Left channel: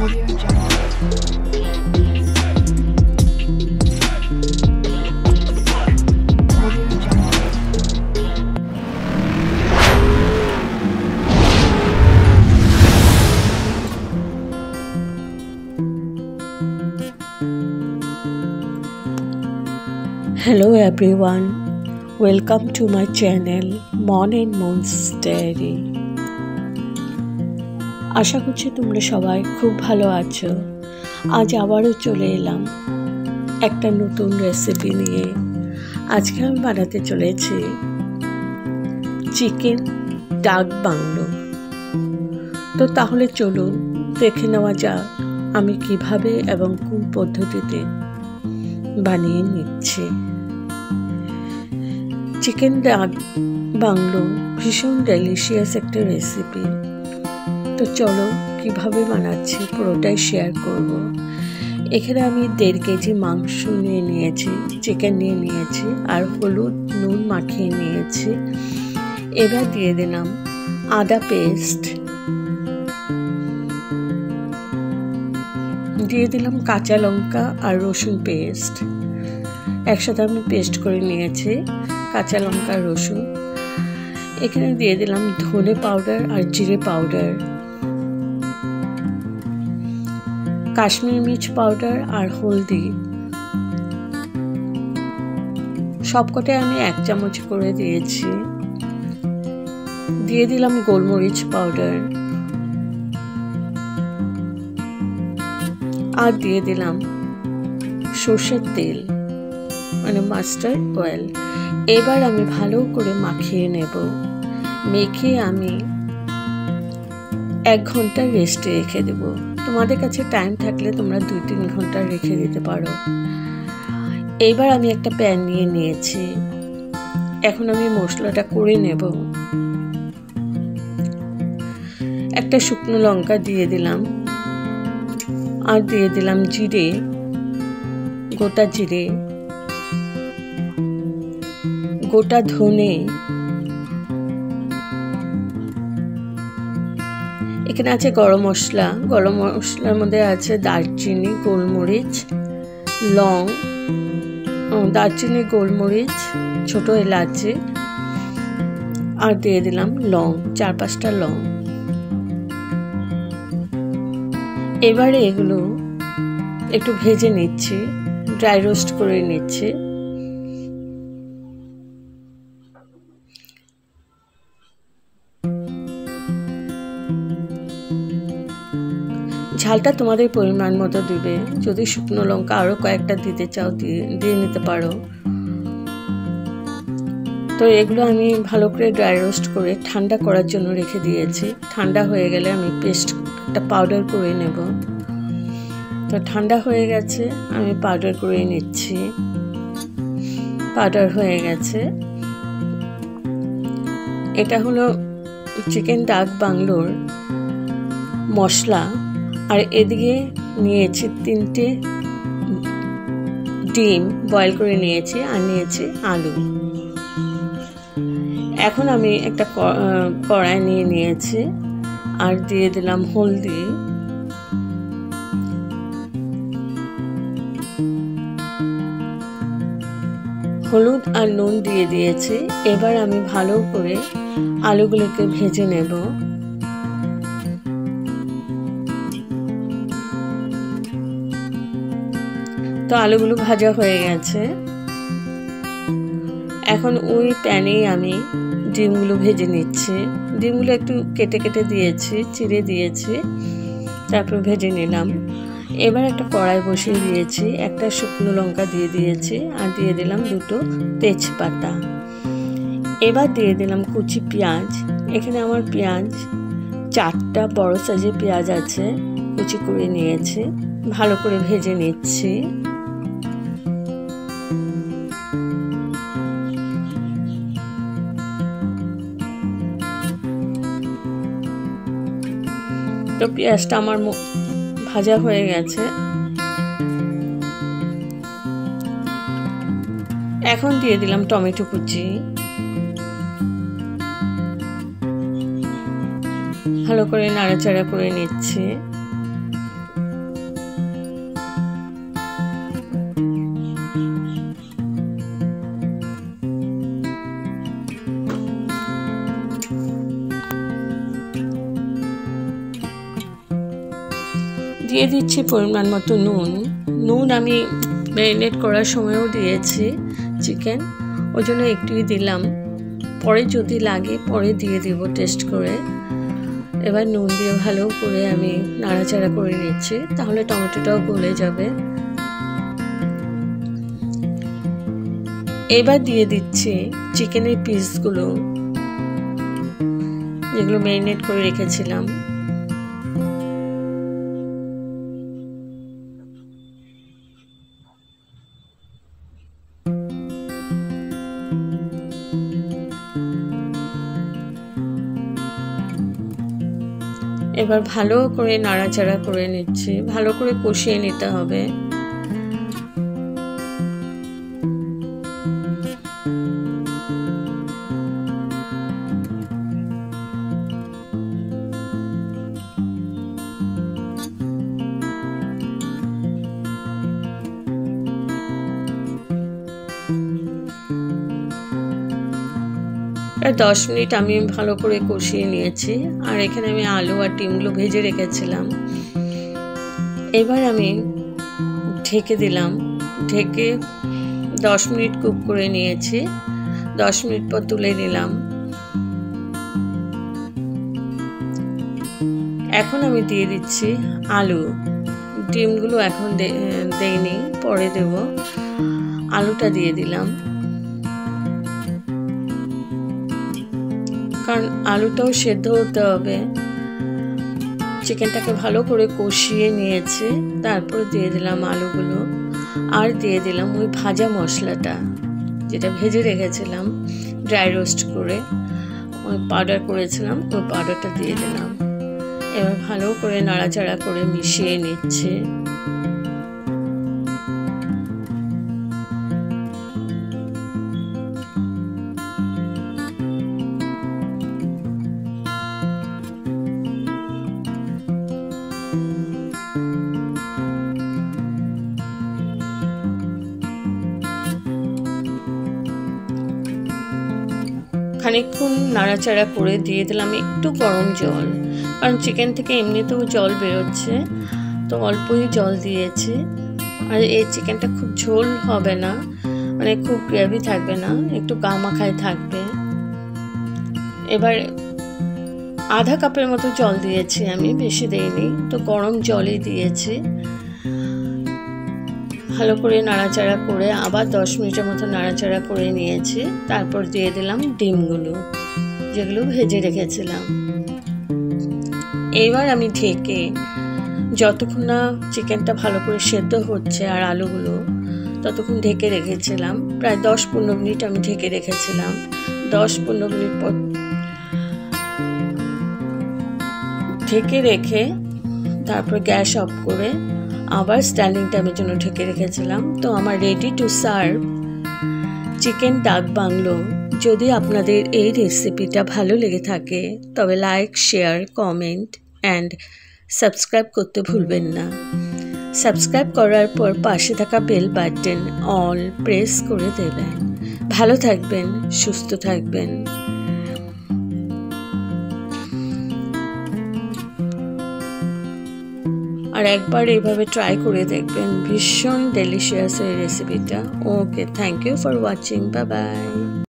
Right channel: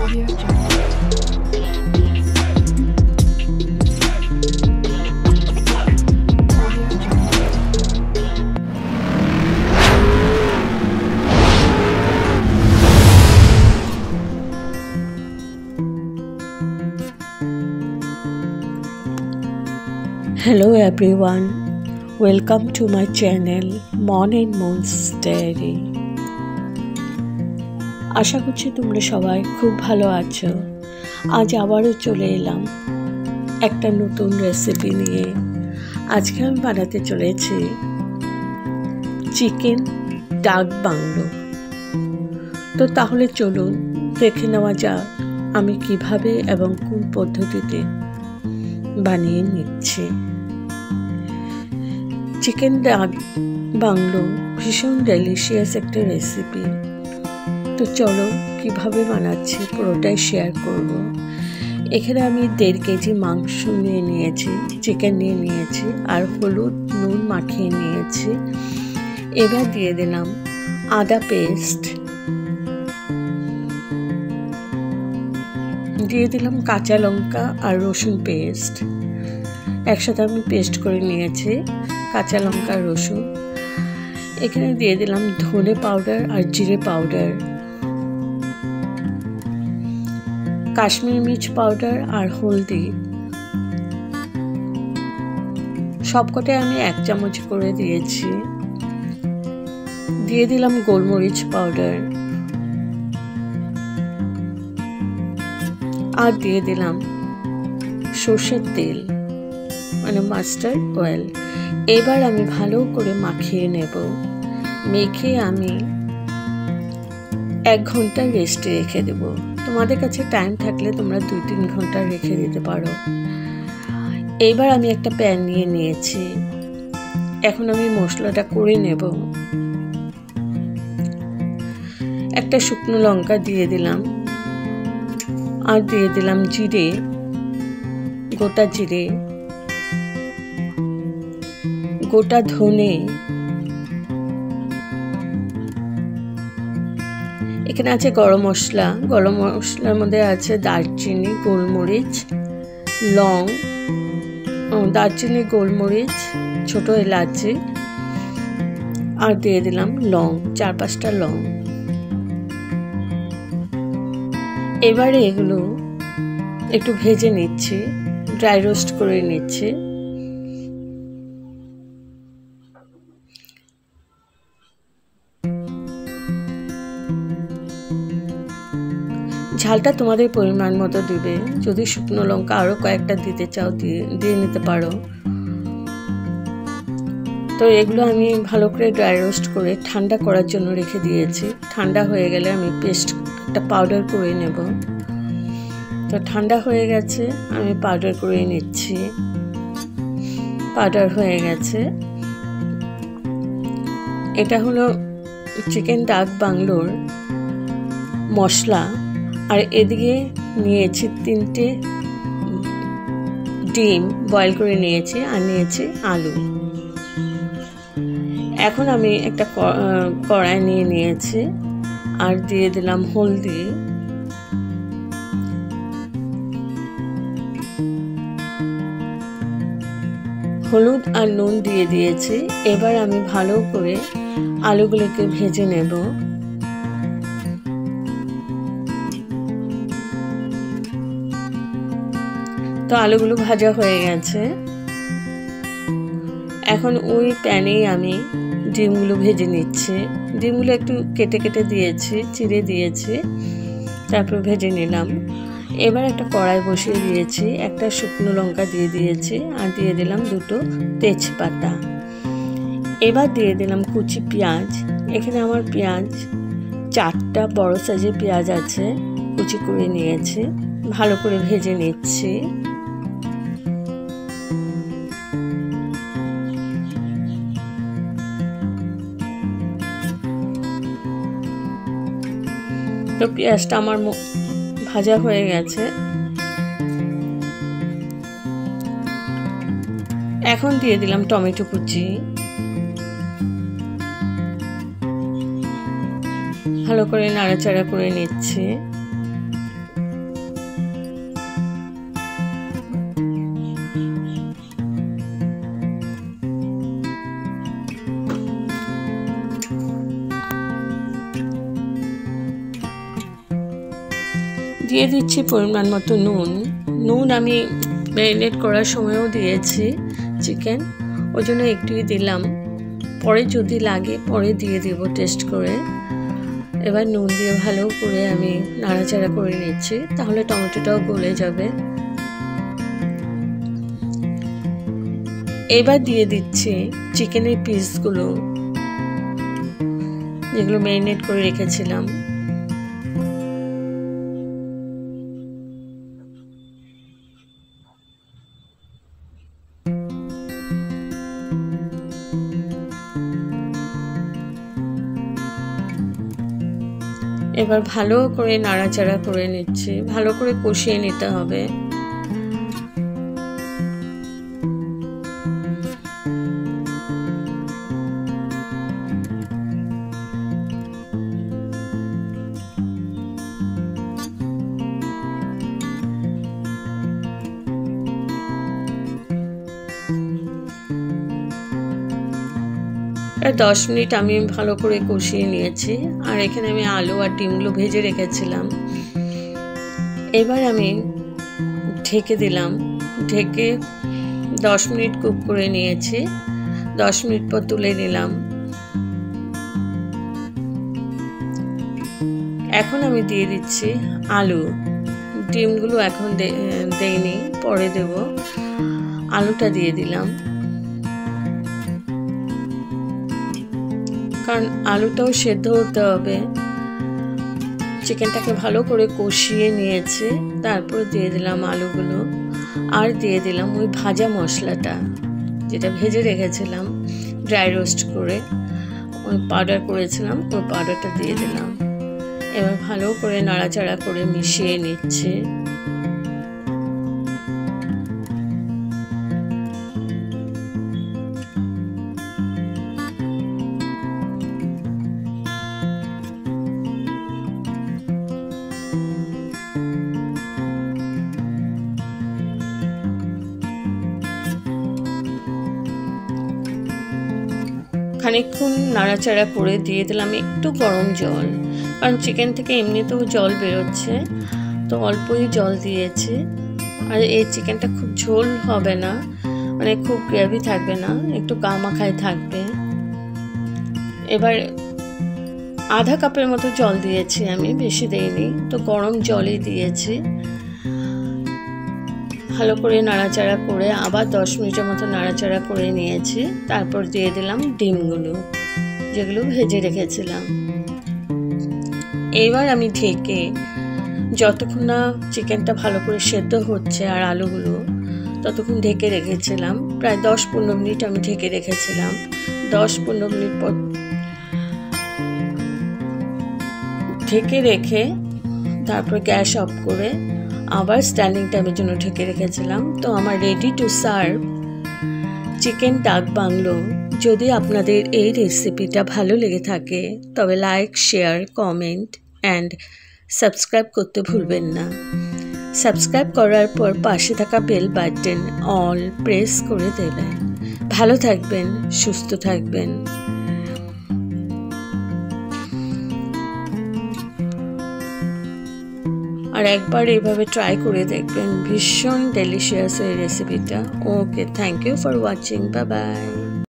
Audio Jungle. Audio Jungle. Hello everyone, welcome to my channel Mon and Moon's Diary. আশা করছি তোমরা সবাই খুব ভালো আছো। আজ আবারও চলে এলাম একটা নতুন রেসিপি নিয়ে। আজকে আমি বানাতে চলেছি চিকেন ডাক বাংলো। তো তাহলে চলুন দেখে নেওয়া যাক আমি কিভাবে এবং কোন পদ্ধতিতে বানিয়ে নিচ্ছি। চিকেন ডাক বাংলো ভীষণ ডেলিশিয়াস একটা রেসিপি। তো চলো কিভাবে বানাচ্ছি পুরোটাই শেয়ার করব। এখানে আমি 1.5 কেজি মাংস নিয়ে নিয়েছি, চিকেন নিয়ে নিয়েছি আর হলুদ নুন মাখিয়ে নিয়েছি। এবার দিয়ে দিলাম আদা পেস্ট, দিয়ে দিলাম কাঁচা লঙ্কা আর রসুন পেস্ট। একসাথে আমি পেস্ট করে নিয়েছি কাঁচা লঙ্কা আর রসুন। এখানে দিয়ে দিলাম ধনে পাউডার আর জিরে পাউডার, কাশ্মীরি মির্চ পাউডার আর হলদি। সবকটাই আমি 1 চামচ করে দিয়েছি। দিয়ে দিলাম গোলমরিচ পাউডার আর দিয়ে দিলাম সর্ষের তেল মানে মাস্টার্ড অয়েল। এবার আমি ভালো করে মাখিয়ে নেব। মেখে আমি 1 ঘন্টা রেস্টে রেখে দেব। তোমাদের কাছে টাইম থাকলে তোমরা 2-3 ঘন্টা রেখে দিতে পারো। এইবার আমি একটা প্যান নিয়ে নিয়েছি। এখন আমি মশলাটা করে নেব। একটা শুকনো লঙ্কা দিয়ে দিলাম আর দিয়ে দিলাম জিরে, গোটা জিরে, গোটা ধনে। এখানে আছে গরম মশলা। গরম মশলার মধ্যে আছে দারচিনি, গোলমরিচ, লং, দারচিনি, গোলমরিচ, ছোট এলাচি আর দিয়ে দিলাম লং, 4-5টা লং। এবারে এগুলো একটু ভেজে নিচ্ছি, ড্রাই রোস্ট করে নিচ্ছি। ঝালটা তোমাদের পরিমাণ মতো দিবে। যদি শুকনো লঙ্কা আরও কয়েকটা দিতে চাও দিয়ে নিতে পারো। তো এগুলো আমি ভালো করে ড্রাই রোস্ট করে ঠান্ডা করার জন্য রেখে দিয়েছি। ঠান্ডা হয়ে গেলে আমি পেস্ট একটা পাউডার করে নেব। তো ঠান্ডা হয়ে গেছে, আমি পাউডার করে নিচ্ছি। পাউডার হয়ে গেছে। এটা হলো চিকেন ডাক বাংলোর মশলা। আর এদিকে নিয়েছি 3টে ডিম বয়েল করে নিয়েছি আর নিয়েছি আলু। এখন আমি একটা কড়াই নিয়ে নিয়েছি আর দিয়ে দিলাম হলদি, হলুদ আর নুন দিয়ে দিয়েছি। এবার আমি ভালো করে আলুগুলোকে ভেজে নেব। তো আলুগুলো ভাজা হয়ে গেছে। এখন ওই প্যানেই আমি ডিমগুলো ভেজে নিচ্ছি। ডিমগুলো একটু কেটে কেটে দিয়েছি, চিড়ে দিয়েছি, তারপর ভেজে নিলাম। এবার একটা কড়াই বসিয়ে দিয়েছি, একটা শুকনো লঙ্কা দিয়ে দিয়েছি আর দিয়ে দিলাম 2টো তেজপাতা। এবার দিয়ে দিলাম কুচি পেঁয়াজ। এখানে আমার পেঁয়াজ 4টা বড় সাইজের পেঁয়াজ আছে, কুচি করে নিয়েছি। ভালো করে ভেজে নিচ্ছি। তো পেঁয়াজটা আমার ভাজা হয়ে গেছে। এখন দিয়ে দিলাম টমেটো কুচি। ভালো করে নাড়াচাড়া করে নিচ্ছি। দিয়ে দিচ্ছি পরিমাণ মতো নুন। নুন আমি ম্যারিনেট করার সময়ও দিয়েছি চিকেন, ওই জন্য একটুই দিলাম, পরে যদি লাগে পরে দিয়ে দিব টেস্ট করে। এবার নুন দিয়ে ভালো করে আমি নাড়াচাড়া করে নিচ্ছি, তাহলে টমেটোটাও গলে যাবে। এবার দিয়ে দিচ্ছি চিকেনের পিসগুলো, যেগুলো ম্যারিনেট করে রেখেছিলাম। এবার ভালো করে নাড়াচাড়া করে নিচ্ছি, ভালো করে কষিয়ে নিতে হবে। প্রায় 10 মিনিট আমি ভালো করে কষিয়ে নিয়েছি, আর এখানে আমি আলু আর ডিমগুলো ভেজে রেখেছিলাম। এবার আমি ঢেকে দিলাম, ঢেকে 10 মিনিট কুক করে নিয়েছি। 10 মিনিট পর তুলে নিলাম। এখন আমি দিয়ে দিচ্ছি আলু। ডিমগুলো এখন দেইনি, পরে দেব। আলুটা দিয়ে দিলাম, কারণ আলুটাও সেদ্ধ হতে হবে। চিকেনটাকে ভালো করে কষিয়ে নিয়েছি, তারপর দিয়ে দিলাম আলুগুলো, আর দিয়ে দিলাম ওই ভাজা মশলাটা যেটা ভেজে রেখেছিলাম ড্রাই রোস্ট করে, ওই পাউডার করেছিলাম, ওই পাউডারটা দিয়ে দিলাম। এবার ভালো করে নাড়াচাড়া করে মিশিয়ে নিচ্ছি। খানিকক্ষণ নাড়াচাড়া করে দিয়ে দিলাম একটু গরম জল, কারণ চিকেন থেকে এমনিতেও জল বেরোচ্ছে, তো অল্পই জল দিয়েছি। আর এই চিকেনটা খুব ঝোল হবে না, মানে খুব গ্রেভি থাকবে না, একটু গা মাখায় থাকবে। এবার আধা কাপের মতো জল দিয়েছি আমি, বেশি দেইনি, তো গরম জলই দিয়েছি। ভালো করে নাড়াচাড়া করে আবার 10 মিনিটের মতো নাড়াচাড়া করে নিয়েছি। তারপর দিয়ে দিলাম ডিমগুলো, যেগুলো ভেজে রেখেছিলাম। এবার আমি ঢেকে যতক্ষণ না চিকেনটা ভালো করে সেদ্ধ হচ্ছে আর আলুগুলো, ততক্ষণ ঢেকে রেখেছিলাম। প্রায় 10-15 মিনিট আমি ঢেকে রেখেছিলাম। 10-15 মিনিট পর ঢেকে রেখে তারপর গ্যাস অফ করে আবার স্ট্যান্ডিং টাইমের জন্য ঢেকে রেখেছিলাম। তো আমার রেডি টু সার্ভ চিকেন ডাক বাংলো। যদি আপনাদের এই রেসিপিটা ভালো লেগে থাকে তবে like, share, comment and subscribe করতে ভুলবেন না। সাবস্ক্রাইব করার পর পাশে থাকা বেল বাটন অল প্রেস করে দেবেন। ভালো থাকবেন, সুস্থ থাকবেন। আর একবার এইভাবে ট্রাই করে দেখবেন, ভীষণ ডেলিশিয়াস এই রেসিপিটা। Okay, thank you for watching, bye by.